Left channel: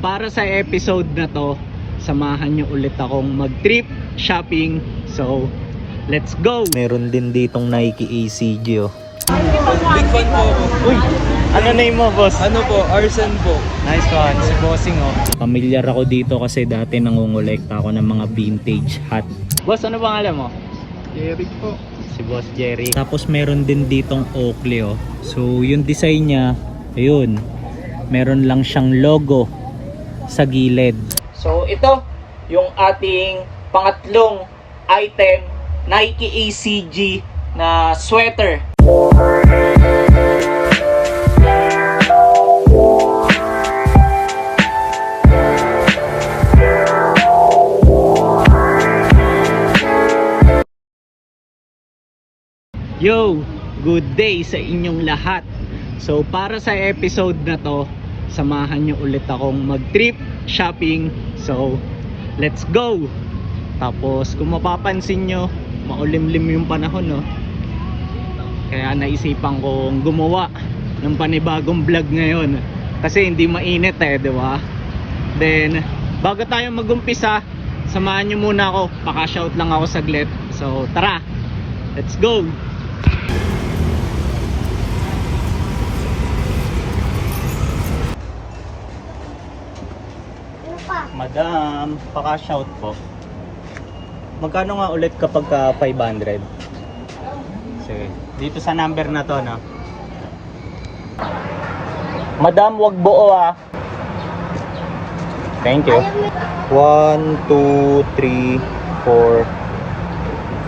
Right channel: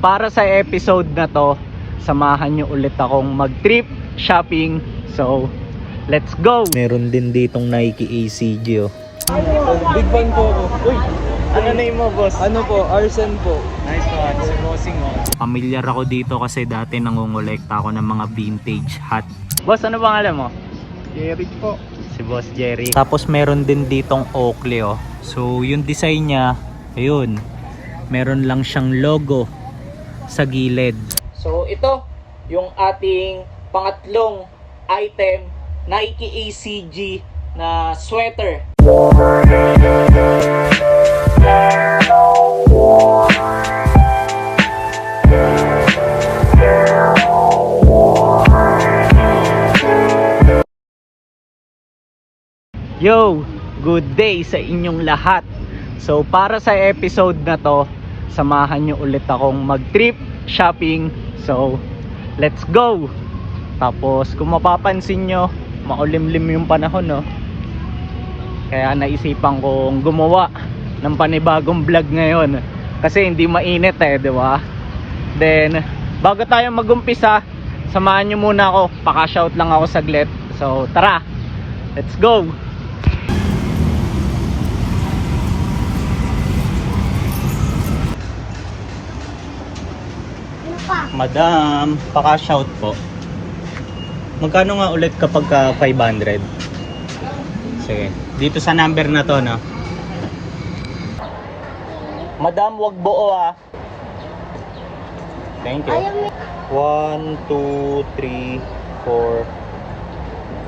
Para sa episode na to, samahan nyo ulit akong mag-trip shopping. So, let's go! Meron din ditong Nike ACG oh. Big fan po ako. Uy! Ano name mo, boss? Ano po? Arsen po. Nice one, si Bossing oh. Pamilyar ako dito kasi dati nangungulekta ako ng mga vintage hat. Boss, ano pangalan mo? Jerry po. Si Boss Jerry. Tapos meron din ditong Oakley oh. So, yung design niya, ayun. Meron lang siyang logo sa gilid. So ito yung ating pangatlong item, Nike ACG na sweater. Yo, good day sa inyong lahat. So para sa episode na to, samahan nyo ulit akong mag-trip shopping. So, let's go! Tapos, kung mapapansin nyo, maulimlim yung panahon, no? Kaya naisipan kong gumawa ng panibagong vlog ngayon. Kasi hindi mainit di ba? Then, bago tayo mag-umpisa, samahan nyo muna ako. Paka-shout lang ako saglit. So, tara! Let's go! Madam, paka-shout po. Magkano nga ulit kapag 500? Sige, dito sa number na to, no? Madam, wag buo Thank you. 1, 2, 3, 4,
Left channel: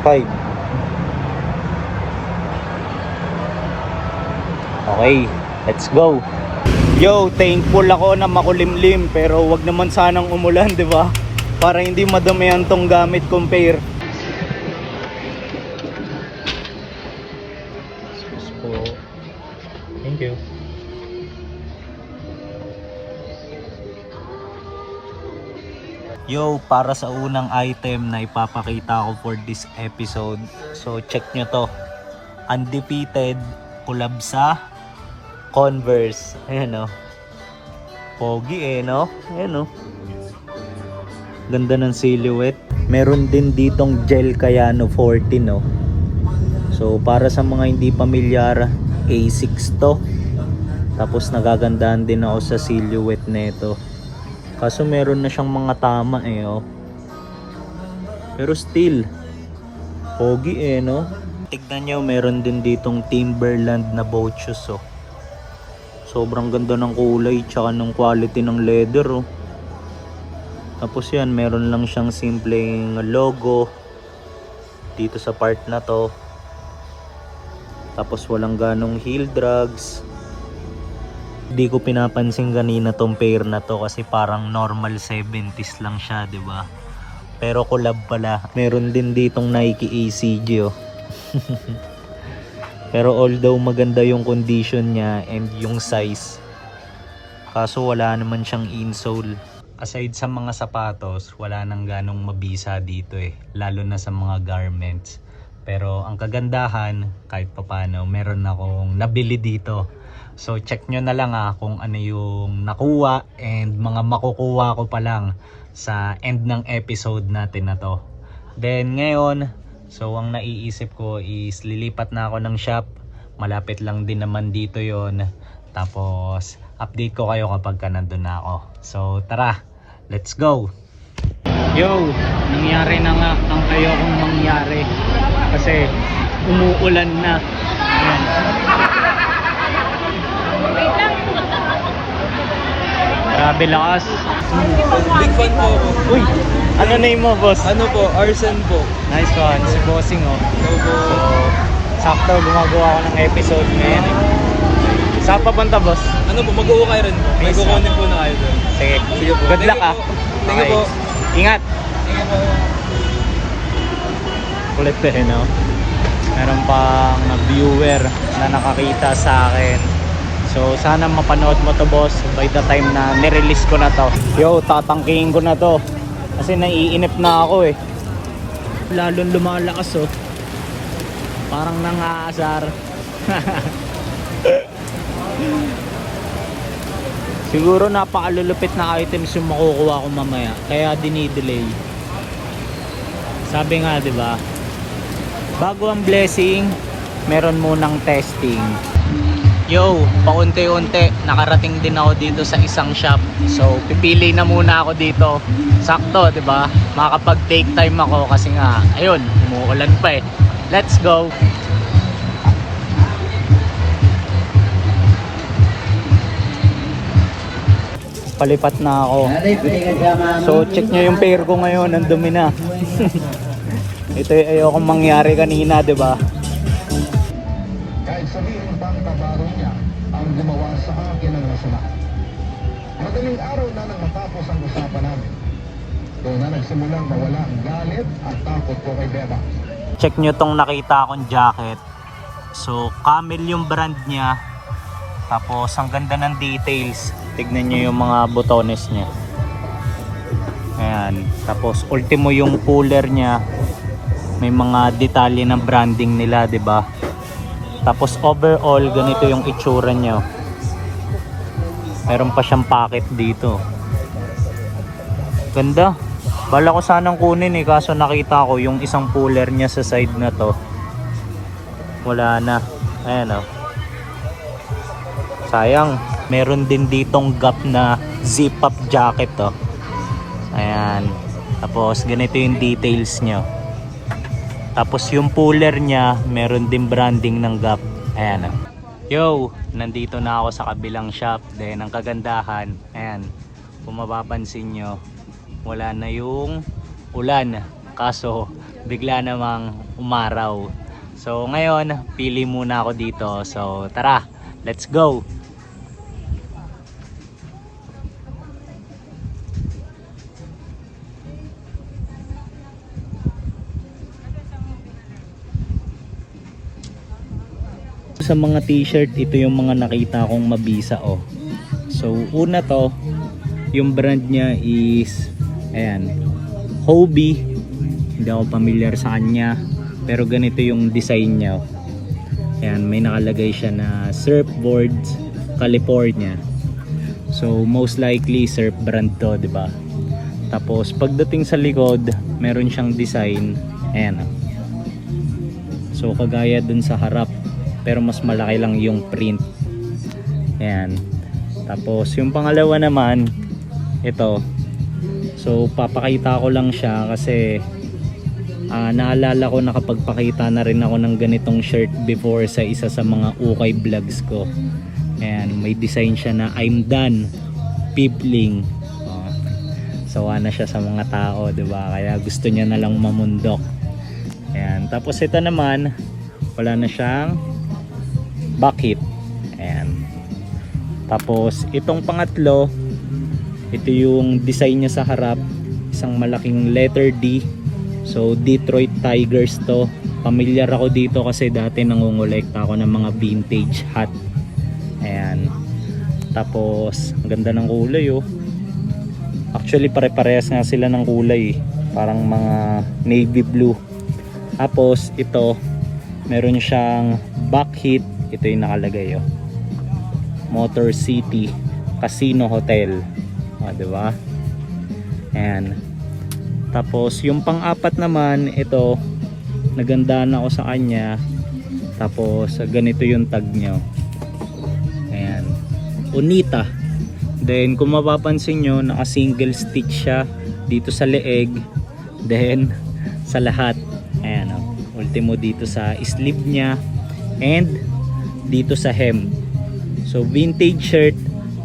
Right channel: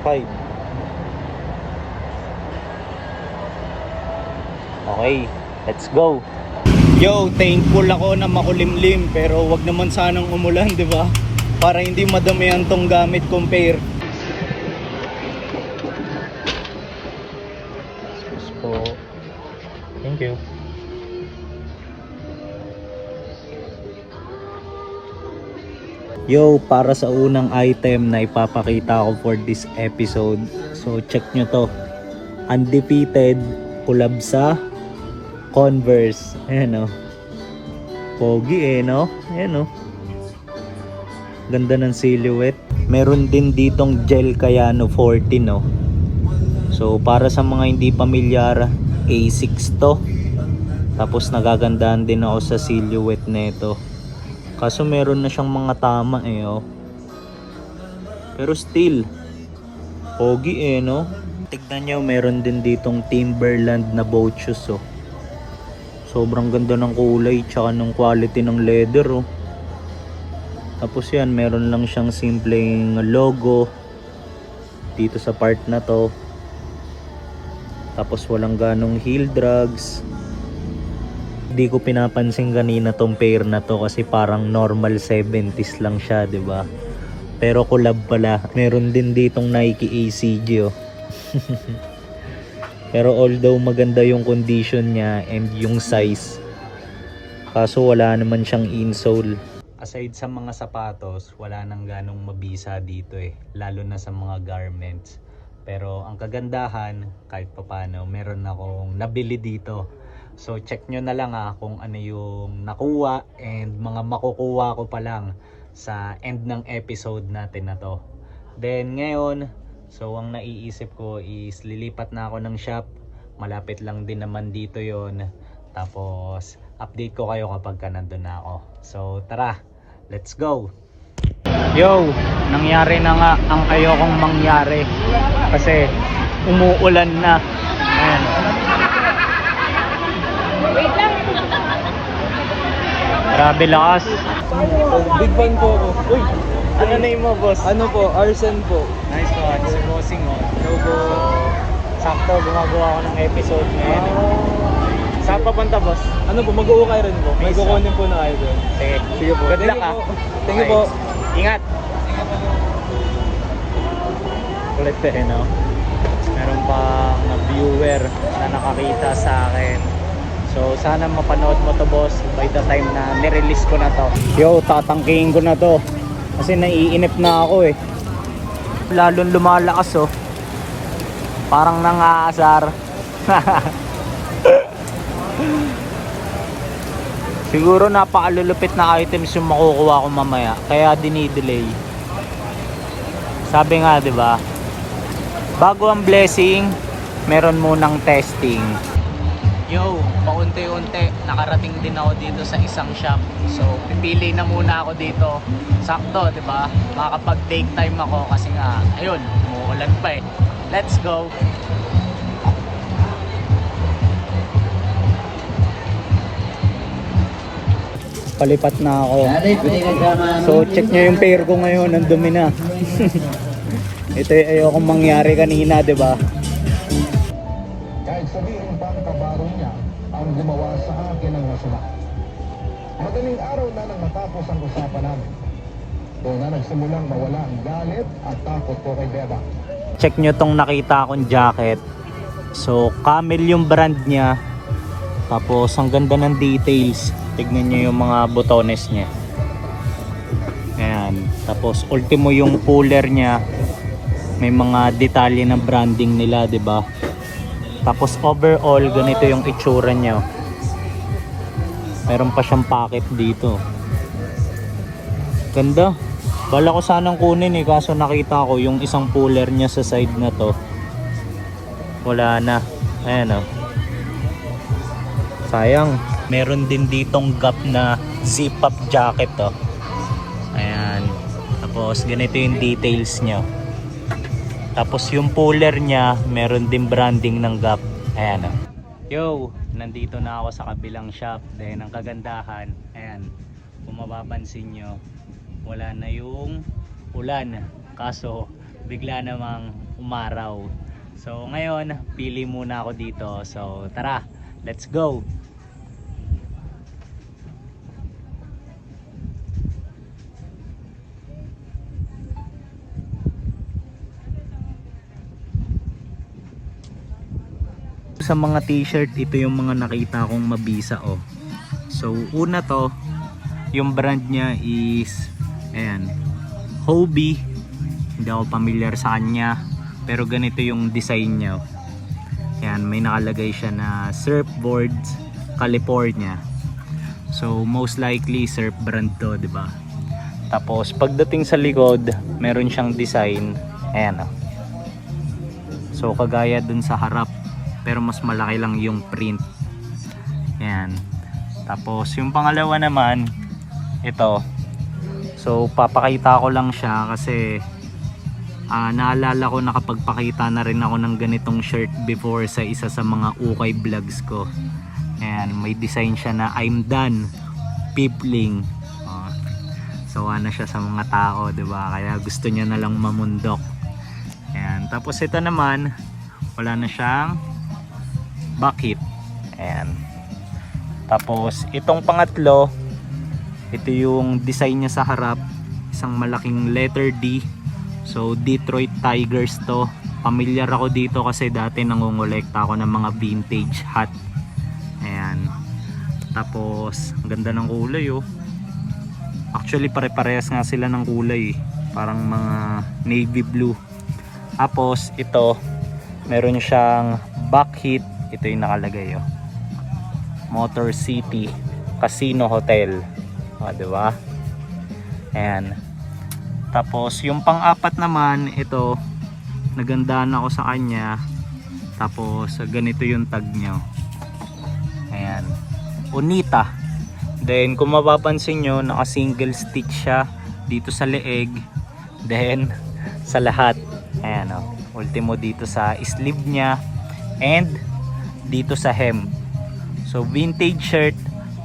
5. Okay, let's go. Yo, thankful ako na makulimlim pero wag naman sanang umulan, di ba? Para hindi madamihan tong gamit kong pair. So, thank you. Yo, para sa unang item na ipapakita ko for this episode. So, check nyo to. Undefeated, collab sa Converse. Ayan o. Pogi no? Ayan o. Ganda ng silhouette. Meron din ditong gel Kayano 40 no. So para sa mga hindi pamilyar, A6 to. Tapos nagagandahan din ako sa silhouette nito. Kaso meron na siyang mga tama oh. Pero still pogi no. Tignan nyo, meron din ditong Timberland na boat shoes oh. Sobrang ganda ng kulay tsaka ng quality ng leather oh. Tapos yan, meron lang siyang simpleng logo dito sa part na to. Tapos walang ganong heel drags. Hindi ko pinapansin kanina tong pair na to kasi parang normal 70s lang siya, di ba? Pero collab pala. Meron din ditong Nike ACG oh. Pero although maganda yung condition niya and yung size, kaso wala naman siyang insole. Aside sa mga sapatos, wala nang ganong mabisa dito lalo na sa mga garments. Pero ang kagandahan, kahit papano, meron akong nabili dito. So check nyo na lang kung ano yung nakuha and mga makukuha ko pa lang sa end ng episode natin na to. Then ngayon, so ang naiisip ko is lilipat na ako ng shop. Malapit lang din naman dito yon. Tapos update ko kayo kapag nandun na ako. So tara, let's go. Yo, nangyari na nga ang ayokong mangyari. Kasi umuulan na. Ayan. Grabe lakas. Big fan po ako. Uy, ano name mo, boss? Ano po? Arsen po. Nice one, si Bossing oh. Hello po. So, sakto gumagawa ako ng episode ngayon Saan papunta, boss? Ano po? Mag-uukay rin po. Nice Mag-uukay po na kayo doon. Sige, Sige po. good luck Thank you Okay, po. ingat. Ingat po. Kulit no? Meron pang viewer na nakakita sa akin. So sana mapanood mo to, boss, by the time na nirelease ko na to. Yo, tatangkihin ko na to kasi naiinip na ako lalong lumalakas parang nangaasar. Siguro napakalulupit na items yung makukuha ko mamaya, kaya dinidelay. Sabi nga, 'di ba? Bago ang blessing, meron munang testing. Yo, paunti-unti nakarating din ako dito sa isang shop. So, pipili na muna ako dito. Sakto, 'di ba? Makakapag-take time ako kasi nga, ayun, umuulan pa eh. Let's go. Palipat na ako. So, check nyo yung pair ko ngayon, ang dumi na. Ito yung ayokong mangyari kanina, 'di ba? Check nyo tong nakita akong jacket. So, Camel yung brand niya. Tapos, ang ganda ng details. Tignan nyo yung mga botones niya. Ayan. Tapos, ultimo yung cooler niya. May mga detalye ng branding nila, 'di ba? Tapos, overall, ganito yung itsura niya. Meron pa siyang pocket dito. Ganda. Bala ko sanang kunin eh, kaso nakita ko yung isang puller niya sa side na to. Wala na. Ayan o. Sayang. Meron din ditong Gap na zip up jacket to. Ayan. Tapos ganito yung details niya. Tapos yung puller niya, meron din branding ng Gap. Ayan o. Yo, nandito na ako sa kabilang shop. Then ang kagandahan, ayan, kung mapapansin nyo, wala na yung ulan, kaso bigla namang umaraw. So ngayon pili muna ako dito. So tara, let's go. Sa mga t-shirt, ito yung mga nakita kong mabisa oh. So una to, yung brand niya is ayan, Hobie. Hindi ako familiar sa kanya, pero ganito yung design niya. Ayan, may nakalagay siya na Surfboards California. So most likely surf brand to, 'di ba? Tapos pagdating sa likod, meron siyang design. Ayan oh. So kagaya dun sa harap, pero mas malaki lang yung print. Ayan. Tapos yung pangalawa naman, ito. So papakita ko lang siya kasi naalala ko nakapagpakita na rin ako ng ganitong shirt before sa isa sa mga ukay vlogs ko. Ayan, may design siya na I'm done Pibling. Sawa na siya sa mga tao, 'di ba? Kaya gusto niya na lang mamundok. Ayan, tapos ito naman, wala na siyang bucket. Ayan. Tapos itong pangatlo, ito yung design niya sa harap, isang malaking letter D. So Detroit Tigers to. Familiar ako dito kasi dati nangongolekta ako ng mga vintage hat. Ayan. Tapos ang ganda ng kulay oh. Actually pare-parehas nga sila ng kulay eh. Parang mga navy blue. Tapos ito, meron siyang back hit. Ito yung nakalagay oh. Motor City Casino Hotel. O, diba? Ayan. Tapos yung pang-apat naman, ito, nagandaan ako sa kanya. Tapos ganito yung tag nyo. Ayan. Unita. Then kung mapapansin nyo, naka single stitch siya dito sa leeg. Then sa lahat. Ayan o. Ultimo dito sa sleeve nya. And dito sa hem. So vintage shirt.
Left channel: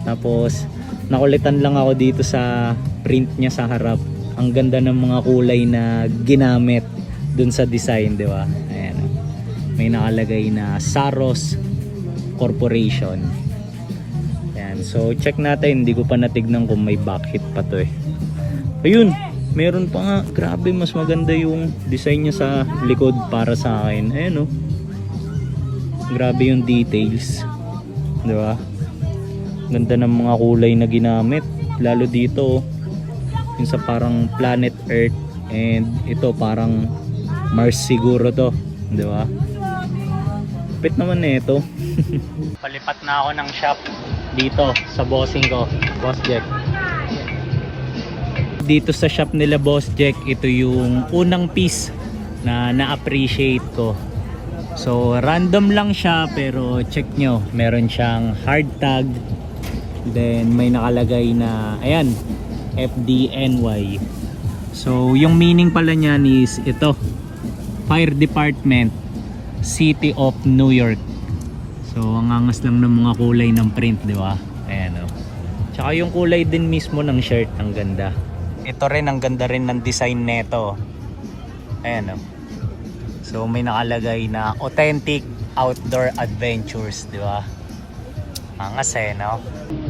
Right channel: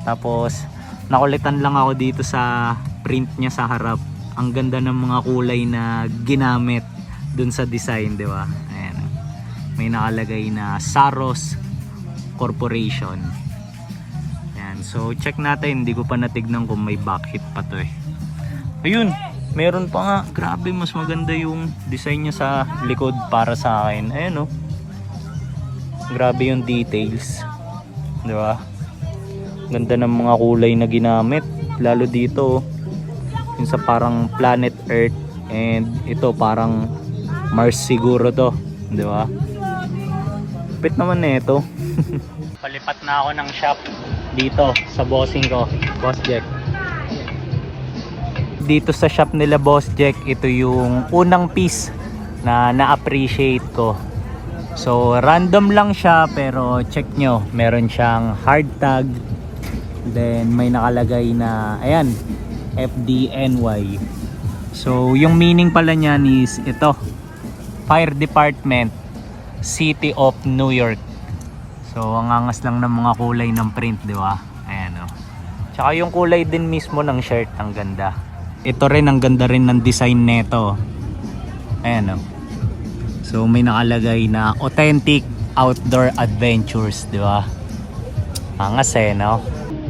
Tapos nakulitan lang ako dito sa print niya sa harap. Ang ganda ng mga kulay na ginamit dun sa design, di ba? Ayan. May nakalagay na Saros Corporation. Ayan. So check natin, hindi ko pa natignan kung may back hit pa to eh. Ayun, meron pa nga. Grabe, mas maganda yung design niya sa likod para sa akin. Ayan oh. Grabe yung details, di ba? Ganda ng mga kulay na ginamit, lalo dito yung sa parang planet Earth, and ito parang Mars siguro to, di ba? Pit naman nito. Palipat na ako ng shop. dito sa bossing ko, Boss Jack. Dito sa shop nila Boss Jack, ito yung unang piece na na-appreciate ko. So random lang siya, pero check nyo, meron siyang hard tag, then may nakalagay na ayan, FDNY. So yung meaning pala niyan is ito, Fire Department, City of New York. So ang angas lang ng mga kulay ng print, di ba? Ayan o. Tsaka yung kulay din mismo ng shirt, ang ganda. Ito rin, ang ganda rin ng design neto. Ayan o. So may nakalagay na Authentic Outdoor Adventures, di ba? Angas no?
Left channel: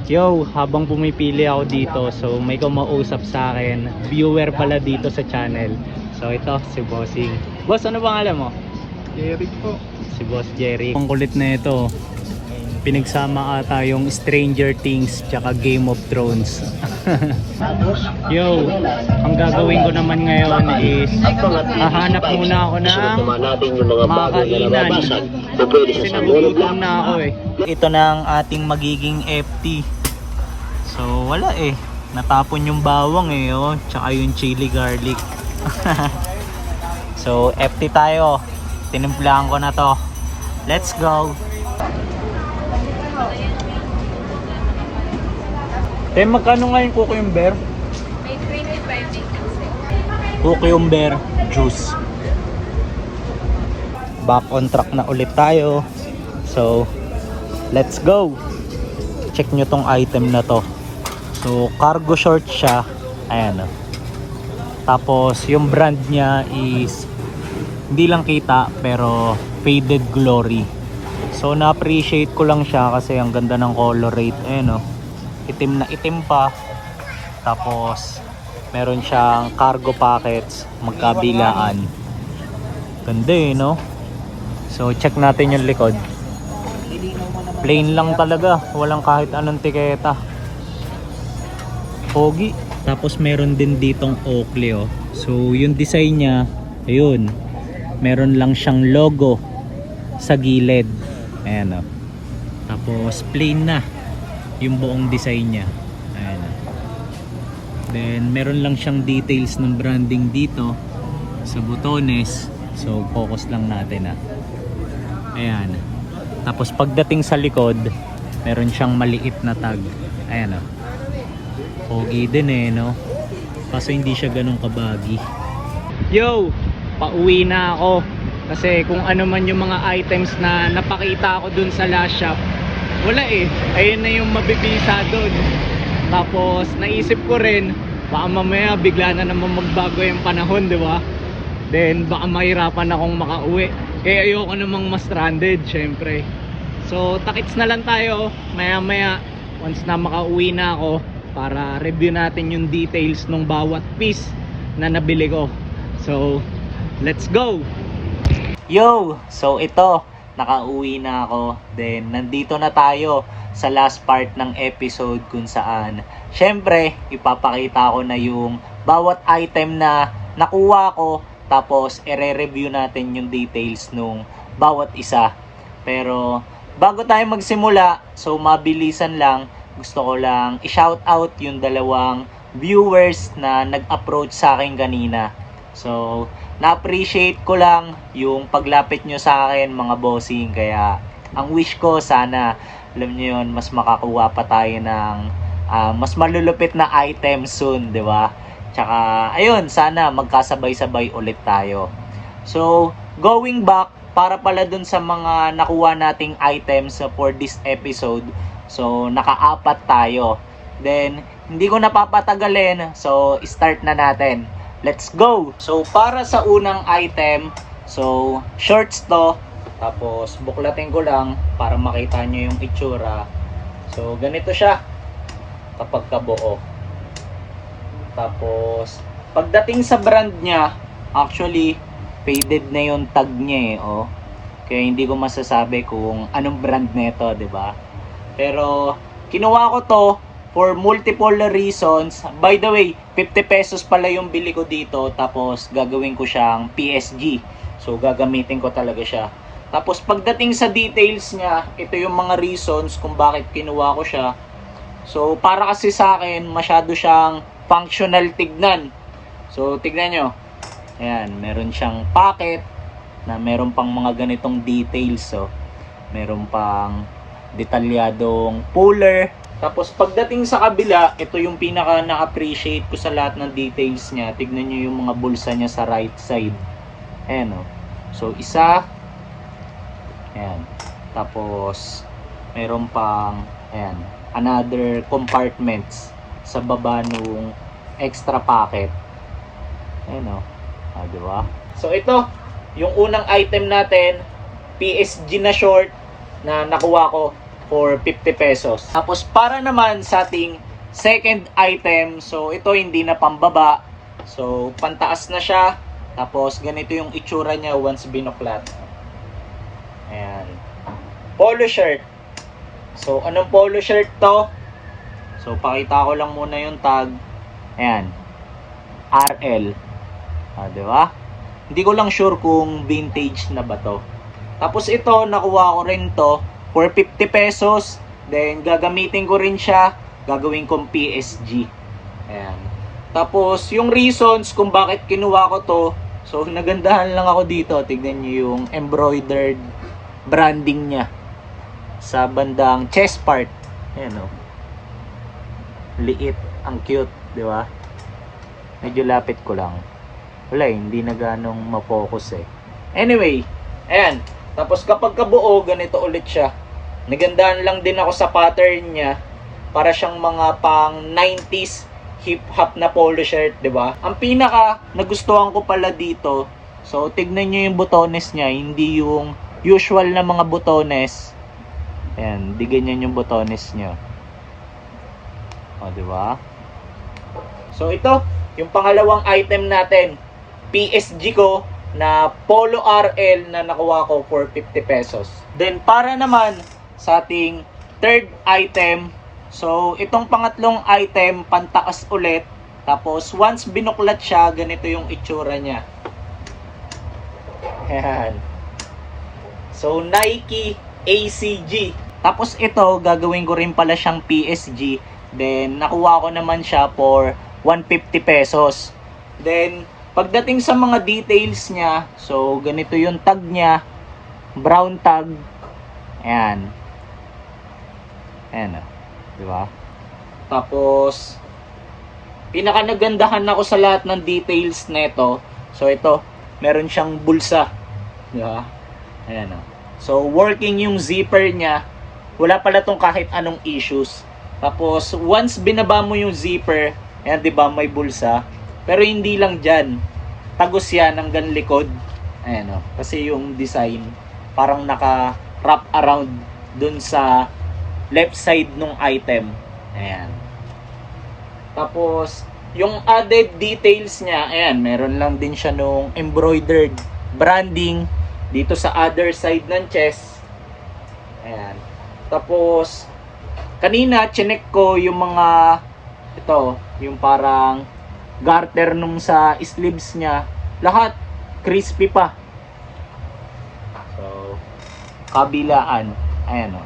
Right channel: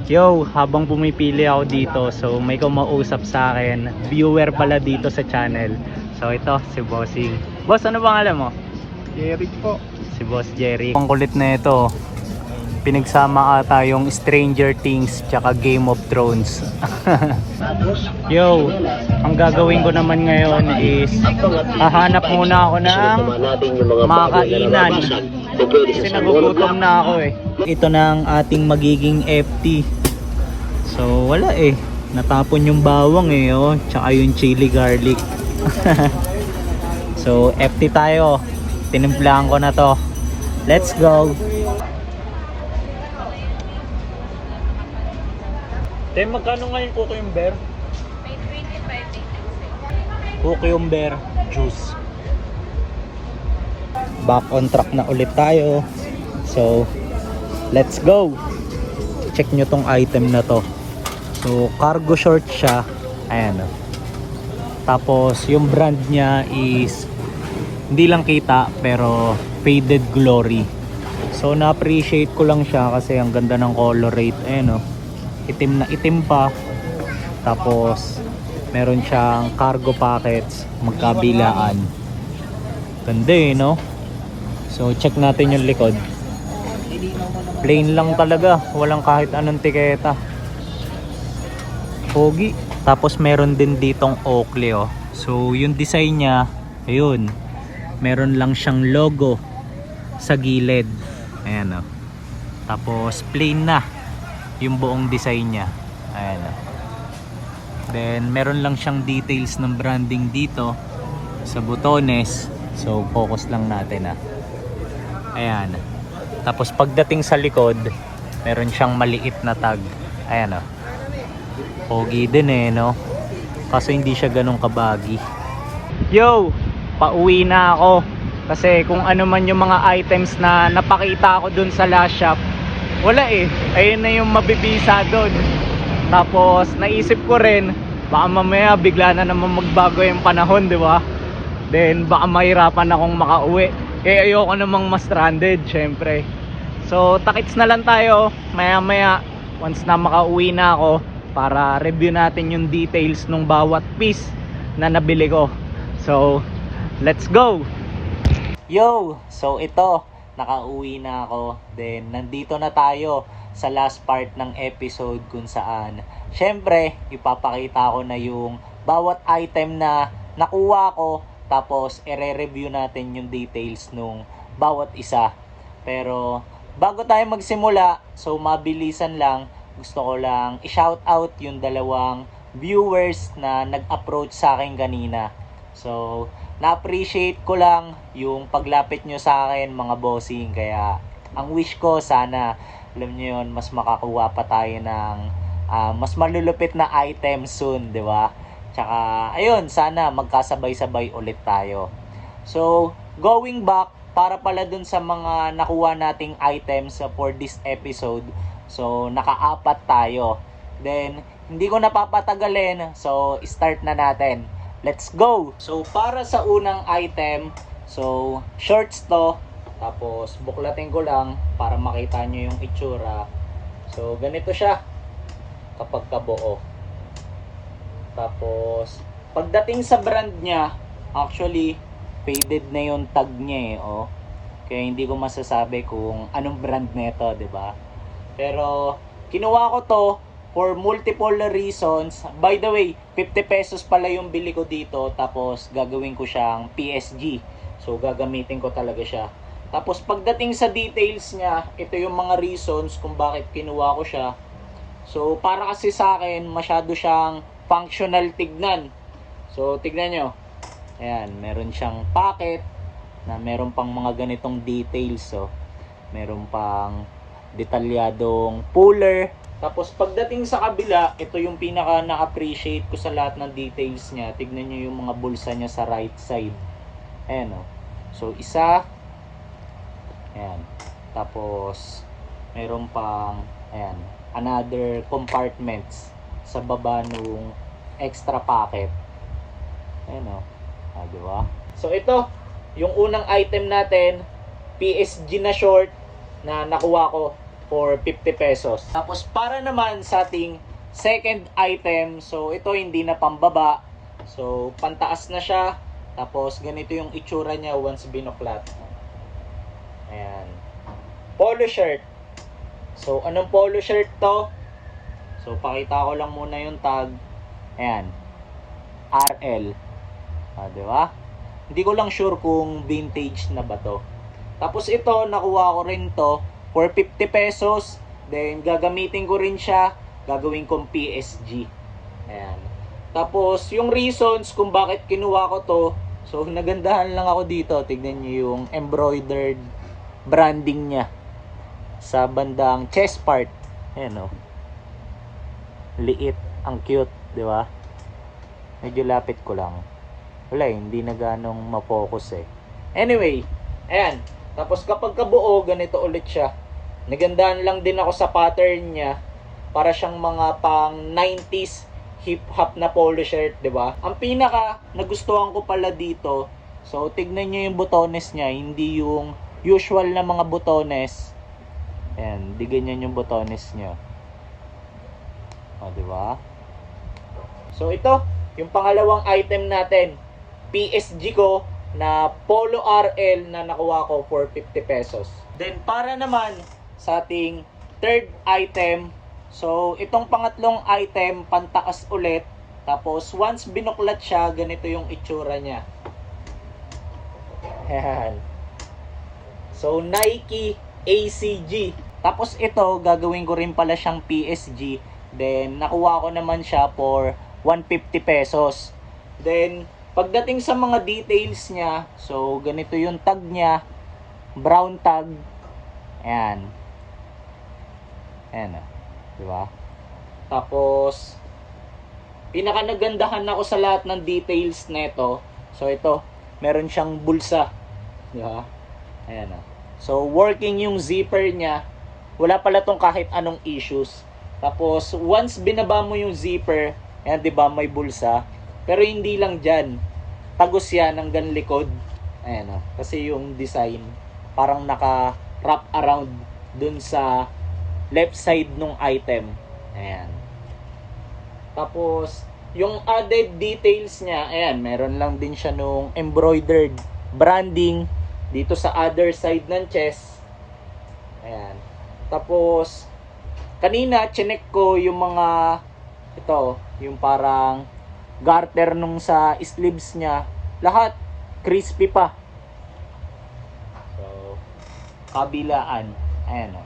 Yo, habang pumipili ako dito, so may kumausap sa akin, viewer pala dito sa channel. So ito, si Bossing. Boss, ano pangalan mo? Eric po. Si Boss Jerry. Ang kulit na ito, pinagsama ata yung Stranger Things tsaka Game of Thrones. Yo, ang gagawin ko naman ngayon is hahanap muna ako ng makakainan kasi nagugutom na ako eh. Ito na ang ating magiging FT. So wala eh, natapon yung bawang eh, oh, tsaka yung chili garlic. So FT tayo, tinimplahan ko na to. Let's go. Magkano nga yung cucumber? May 25 din kasi. Cucumber juice. Back on track na ulit tayo. So let's go. Check nyo tong item na to. So cargo short siya. Ayan o. Tapos yung brand niya is hindi lang kita, pero Faded Glory. So na-appreciate ko lang siya kasi ang ganda ng color rate. Ayan o. Itim na itim pa. Tapos meron siyang cargo pockets magkabilaan. Ganda eh, no? So check natin yung likod. Plain lang talaga, walang kahit anong tiketa. Pogi. Tapos meron din ditong Oakley oh. So yung design niya, ayun, meron lang siyang logo sa gilid. Ayan oh. Tapos plain na yung buong design niya. Ayan oh. Then meron lang siyang details ng branding dito sa butones. So focus lang natin ah. Ayan. Tapos pagdating sa likod, meron siyang maliit na tag. Ayan oh. Pogi din eh, no? Kaso hindi siya ganun kabagi. Yo! Pauwi na ako. Kasi kung ano man yung mga items na napakita ko dun sa last shop, wala eh. Ayun na yung mabibisa dun. Tapos naisip ko rin, baka mamaya bigla na naman magbago yung panahon, di ba? Then baka mahirapan akong makauwi. Kaya ayoko namang ma-stranded, syempre. So takits na lang tayo maya maya once na makauwi na ako, para review natin yung details ng bawat piece na nabili ko. So let's go. Yo, so ito, nakauwi na ako. Then nandito na tayo sa last part ng episode kung saan syempre ipapakita ko na yung bawat item na nakuha ko. Tapos ire-review natin yung details nung bawat isa. Pero bago tayo magsimula, so mabilisan lang, gusto ko lang i-shout out yung dalawang viewers na nag-approach sa akin kanina. So na-appreciate ko lang yung paglapit nyo sa akin mga bossing. Kaya ang wish ko sana, alam nyo yun, mas makakuha pa tayo ng mas malulupit na items soon, di ba? Tsaka, ayun, sana magkasabay-sabay ulit tayo. So, going back, para pala dun sa mga nakuha nating items for this episode. So, naka-apat tayo. Then, hindi ko napapatagalin. So, start na natin. Let's go! So, para sa unang item, so, shorts to. Tapos, buklatin ko lang para makita nyo yung itsura. So, ganito siya kapag kabuo. Tapos, pagdating sa brand niya, actually, faded na yung tag niya eh, oh. Kaya hindi ko masasabi kung anong brand nito, 'di ba? Pero, kinuha ko to for multiple reasons. By the way, 50 pesos pala yung bili ko dito, tapos gagawin ko siyang PSG. So, gagamitin ko talaga siya. Tapos pagdating sa details niya, ito yung mga reasons kung bakit kinuha ko siya. So para kasi sa akin, masyado siyang functional tignan. So tignan nyo. Ayan, meron siyang pocket na meron pang mga ganitong details. So meron pang detalyadong puller. Tapos pagdating sa kabila, ito yung pinaka na-appreciate ko sa lahat ng details niya. Tignan nyo yung mga bulsa niya sa right side. Ayan o. So isa. Ayan. Tapos meron pang ayan, another compartments sa baba nung extra pocket. Ayan o. Diba? So ito, yung unang item natin, PSG na short na nakuha ko for 50 pesos. Tapos para naman sa ating second item, so ito hindi na pambaba. So pantaas na siya. Tapos ganito yung itsura niya once binuklat. Ayan. Polo shirt. So anong polo shirt to? So pakita ko lang muna yung tag. Ayan. RL. Diba? Hindi ko lang sure kung vintage na ba to. Tapos ito, nakuha ko rin to for 50 pesos. Then gagamitin ko rin siya. Gagawin kong PSG. Ayan. Tapos yung reasons kung bakit kinuha ko to. So nagandahan lang ako dito. Tignan nyo yung embroidered branding niya sa bandang chest part. Ayan o. Liit. Ang cute. Diba? Medyo lapit ko lang. Wala hindi na ganong ma-focus eh. Anyway, ayan. Tapos kapag kabuo, ganito ulit siya. Nagandahan lang din ako sa pattern niya. Para siyang mga pang 90s hip-hop na polo shirt, di ba? Ang pinaka nagustuhan ko pala dito, so tignan nyo yung botones niya, hindi yung usual na mga botones. Ayan, di ganyan yung botones niya. O, di ba? So ito, yung pangalawang item natin. PSG ko na Polo RL na nakuha ko for 50 pesos. Then para naman sa ating third item, so itong pangatlong item pantaas ulit. Tapos once binuklat siya, ganito yung itsura niya. Ayan. So Nike ACG. Tapos ito gagawin ko rin pala siyang PSG. Then nakuha ko naman siya for 150 pesos. Then pagdating sa mga details niya, so ganito yung tag niya, brown tag. Ayan. Ayan, di ba? Tapos pinaka nagandahan ako sa lahat ng details nito. So ito, meron siyang bulsa, di ba? Ayan o. So working yung zipper niya. Wala pala tong kahit anong issues. Tapos once binaba mo yung zipper, ayan, di ba, may bulsa. Pero hindi lang dyan. Tagos yan hanggang likod. Ayan o. Kasi yung design parang naka-wrap around dun sa left side nung item. Ayan. Tapos yung added details niya, ayan, meron lang din siya nung embroidered branding dito sa other side ng chest. Ayan. Tapos kanina chinek ko yung mga ito, yung parang garter nung sa sleeves niya, lahat crispy pa. So kabilaan, ayan o.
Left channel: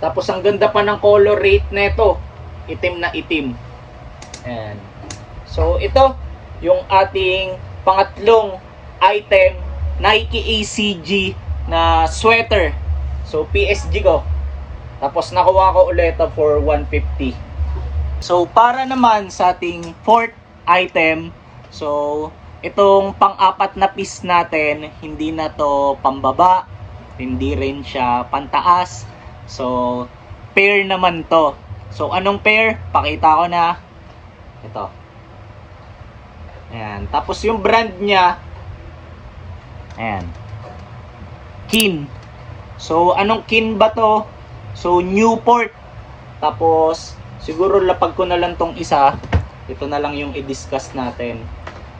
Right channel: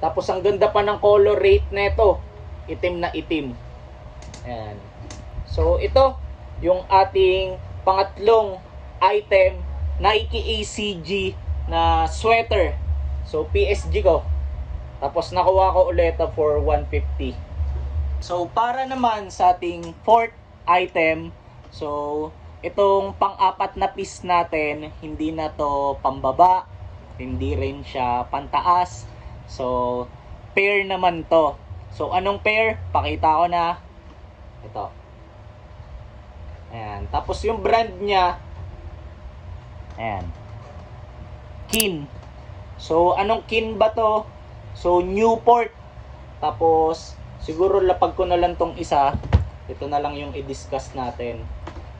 Tapos ang ganda pa ng color rate nito, itim na itim. Ayan. So ito yung ating pangatlong item, Nike ACG na sweater. So PSG ko. Tapos nakuha ko ulit for 150. So para naman sa ating fourth item, so itong pang-apat na piece natin, hindi na to pambaba, hindi rin siya pantaas. So pair naman to. So anong pair? Pakita ko na. Ito. Ayan. Tapos yung brand niya, ayan, Kin. So anong Kin ba to? So Newport. Tapos siguro lapag ko na lang tong isa. Ito na lang yung i-discuss natin.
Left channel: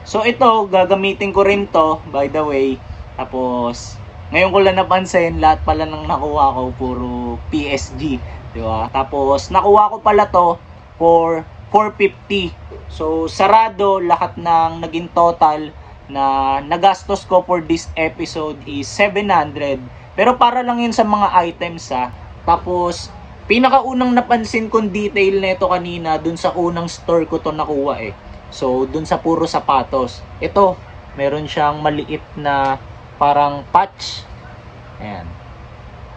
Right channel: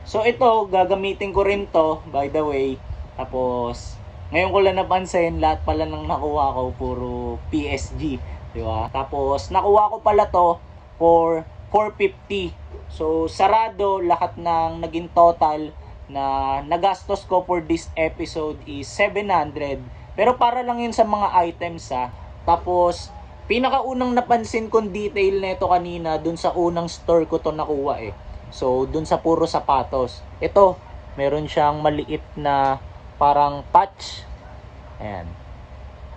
So ito, gagamitin ko rin to, by the way. Tapos ngayon ko lang napansin, lahat pala ng nakuha ko puro PSG, di ba? Tapos nakuha ko pala to for 450. So sarado lahat ng naging total na nagastos ko for this episode is 700. Pero para lang yun sa mga items ha. Tapos, pinakaunang napansin kong detail nito kanina, dun sa unang store ko to nakuha eh. So, dun sa puro sapatos. Ito, meron siyang maliit na parang patch. Ayan.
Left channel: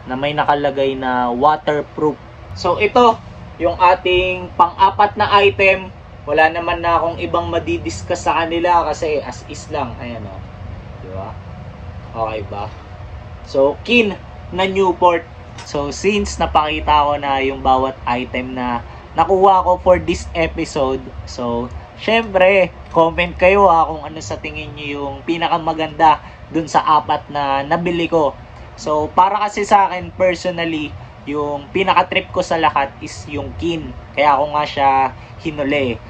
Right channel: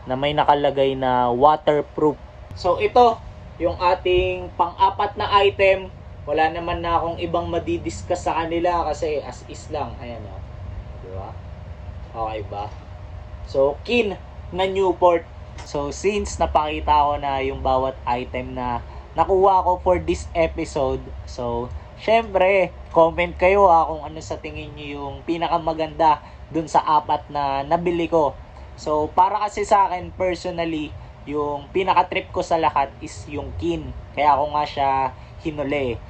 Na may nakalagay na waterproof. So, ito, yung ating pang-apat na item. Wala naman na akong ibang madidiscuss sa kanila kasi as is lang. Ayan o. Diba? Okay ba? So, Kin na Newport. So, since napakita ko na yung bawat item na nakuha ko for this episode, so, syempre, comment kayo kung ano sa tingin nyo yung pinakamaganda dun sa apat na nabili ko. So, para kasi sa akin, personally, yung pinaka-trip ko sa lahat is yung Kin. Kaya ako nga siya hinuli.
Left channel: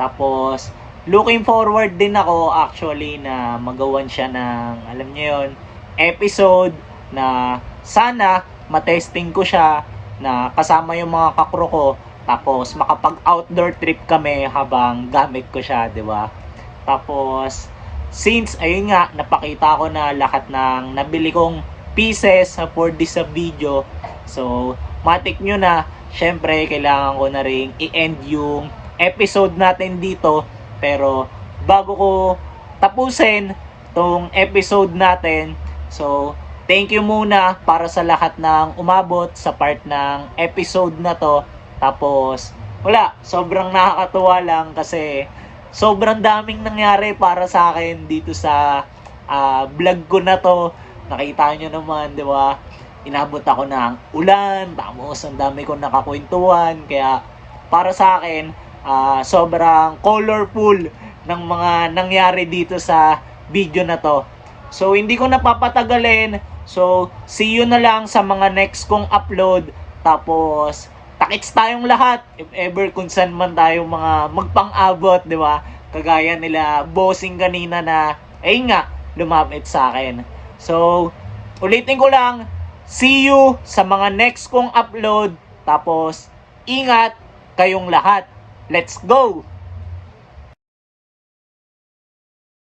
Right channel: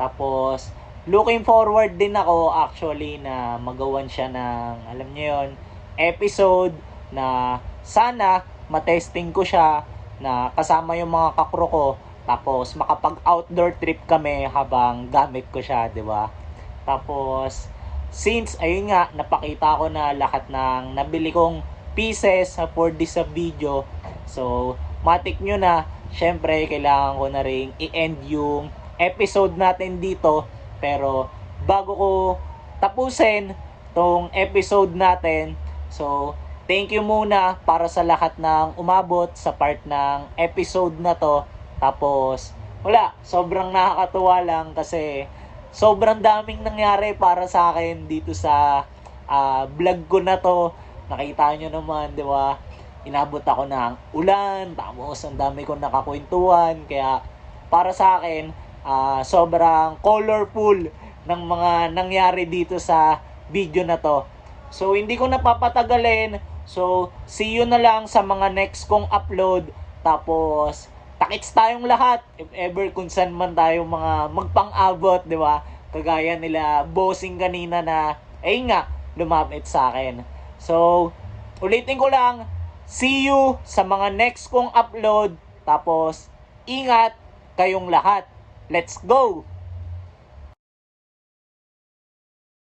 Tapos, looking forward din ako actually na magawan siya ng, alam nyo yun, episode na sana matesting ko siya na kasama yung mga kakro ko. Tapos, makapag-outdoor trip kami habang gamit ko siya, di ba? Tapos, since, ayun nga, napakita ko na lahat ng nabili kong pieces for this video. So, matik nyo na, syempre, kailangan ko na rin i-end yung episode natin dito. Pero, bago ko tapusin tong episode natin, so, thank you muna para sa lahat ng umabot sa part ng episode na to. Tapos, wala, sobrang nakakatuwa lang kasi sobrang daming nangyari para sa akin dito sa vlog ko na to. Nakita nyo naman, di ba? Inabot ako ng ulan, tapos ang dami kong nakakwentuhan. Kaya para sa akin, sobrang colorful ng mga nangyari dito sa video na to. So, hindi ko napapatagalin. So, see you na lang sa mga next kong upload. Tapos, takits tayong lahat. If ever kung saan man tayo mga magpang-abot, di ba? Kagaya nila bossing kanina na, nga, lumapit sa akin. So, ulitin ko lang, see you sa mga next kong upload. Tapos, ingat kayong lahat. Let's go!